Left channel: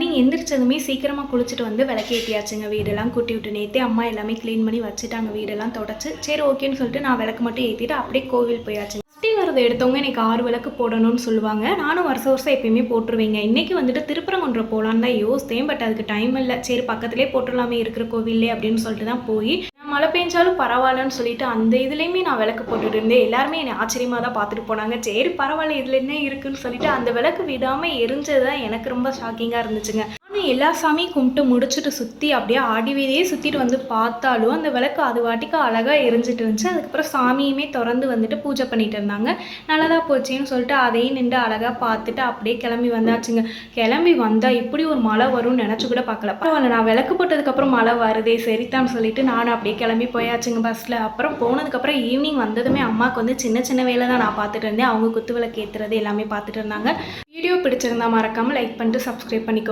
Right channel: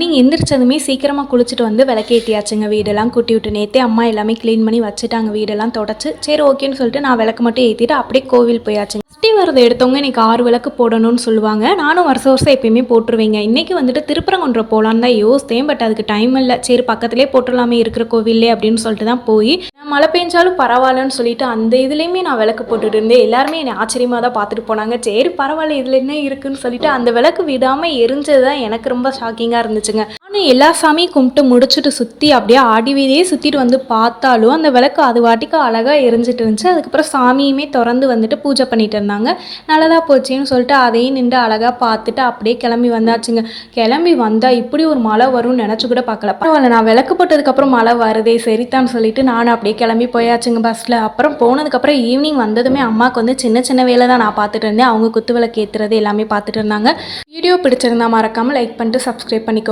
நீங்க எந்திரிச்சதுமே சீக்கிரமா குளிச்சுட்டு வந்து விளக்கேத்தியாச்சுங்க. வீடெல்லாம் கூட்டி விட்டு நேத்தே அம்மா எல்லாமே கிளீன் பண்ணி வச்சுட்டாங்க. வீடெல்லாம் தொடச்சு, சரி ஓகேன்னு சொல்லிட்டு நான் விளக்கு மட்டும் ஏத்திட்டு அப்படியே கோவில் போயாச்சுங்க. சஷ்டி விரதம் எடுத்தவங்க இன்னைக்கு 6 விளக்கு போடணும்னு சொல்லுவாங்க. நானும் வருஷம் வருஷம் எப்பயுமே போட்டுருவேங்க. இன்னைக்கு வந்துட்டு திருப்பரங்குன்றம் போலான்னு தான் யோசித்தேன். பட் அதுக்கு டைம் இல்ல. சரி பக்கத்திலேயே போட்டுடலாமே இருக்கிற கோவில்லே அப்படின்னு சொல்லிட்டு தான் போய் மழை பெஞ்சாலும் பரவாயில்லன்னு சொல்லிட்டு அந்த இதுலேயுமே நான் விளக்கு போட்டுட்டு இருந்தேன். எல்லாருமே என்னை ஆச்சரியமாக தான் பார்த்துட்டு போனாங்க. சரி பரவாயில்ல இதில் என்ன இருக்குன்னு சொல்லிட்டு அந்த விளக்கு விடாமல் எரிஞ்சது தான் எனக்கு ரொம்ப ஷாக்கிங்காக இருந்துச்சுங்க. நானும் எல்லா சாமியும் கும்பிட்டு முடிச்சுட்டு சுற்றி அப்படியே ஆடி வீதியே சுற்றிட்டு வந்து பார்த்தாலும் அந்த விளக்கு அது வாட்டிக்கு அழகாக எரிஞ்சிட்டு இருந்துச்சு. அதுக்கப்புறம் சாமியுமே திறந்து வந்துட்டு பூஜை பண்ணிட்டு இருந்தாங்க. நல்லதாக போச்சுன்னு சொல்லிட்டு அதையும் நின்று அழகாக பார்த்துட்டு அப்படியே கிளம்பி வந்தாச்சுங்க. கிளம்பி வந்தால் இப்படி ஒரு மழை வரும்னு நினச்சி கூட பார்க்கல. பரவாயில்ல நான் விளக்கு போட்டதுக்கப்புறம் மழை வருதே சரித்தான்னு சொல்லிட்டு நானும் அப்படியே கிளம்பி போயாச்சுங்க பஸ்ஸில். அப்புறம் போனதுக்கப்புறம் ஈவினிங் வந்ததுமே அம்மாவுக்கு வந்து சின்ன சின்ன வேலை தான் நான் பார்த்துட்டு இருந்தேன். அவங்க குத்து விளக்கு ஏற்றுறது எல்லாமே பார்த்துட்டு இருந்தாங்க. வீடியோ பிடிச்சிருந்தா மறக்காமல் லைக் பண்ணிட்டு சப்ஸ்கிரைப் பண்ணிக்கோங்க.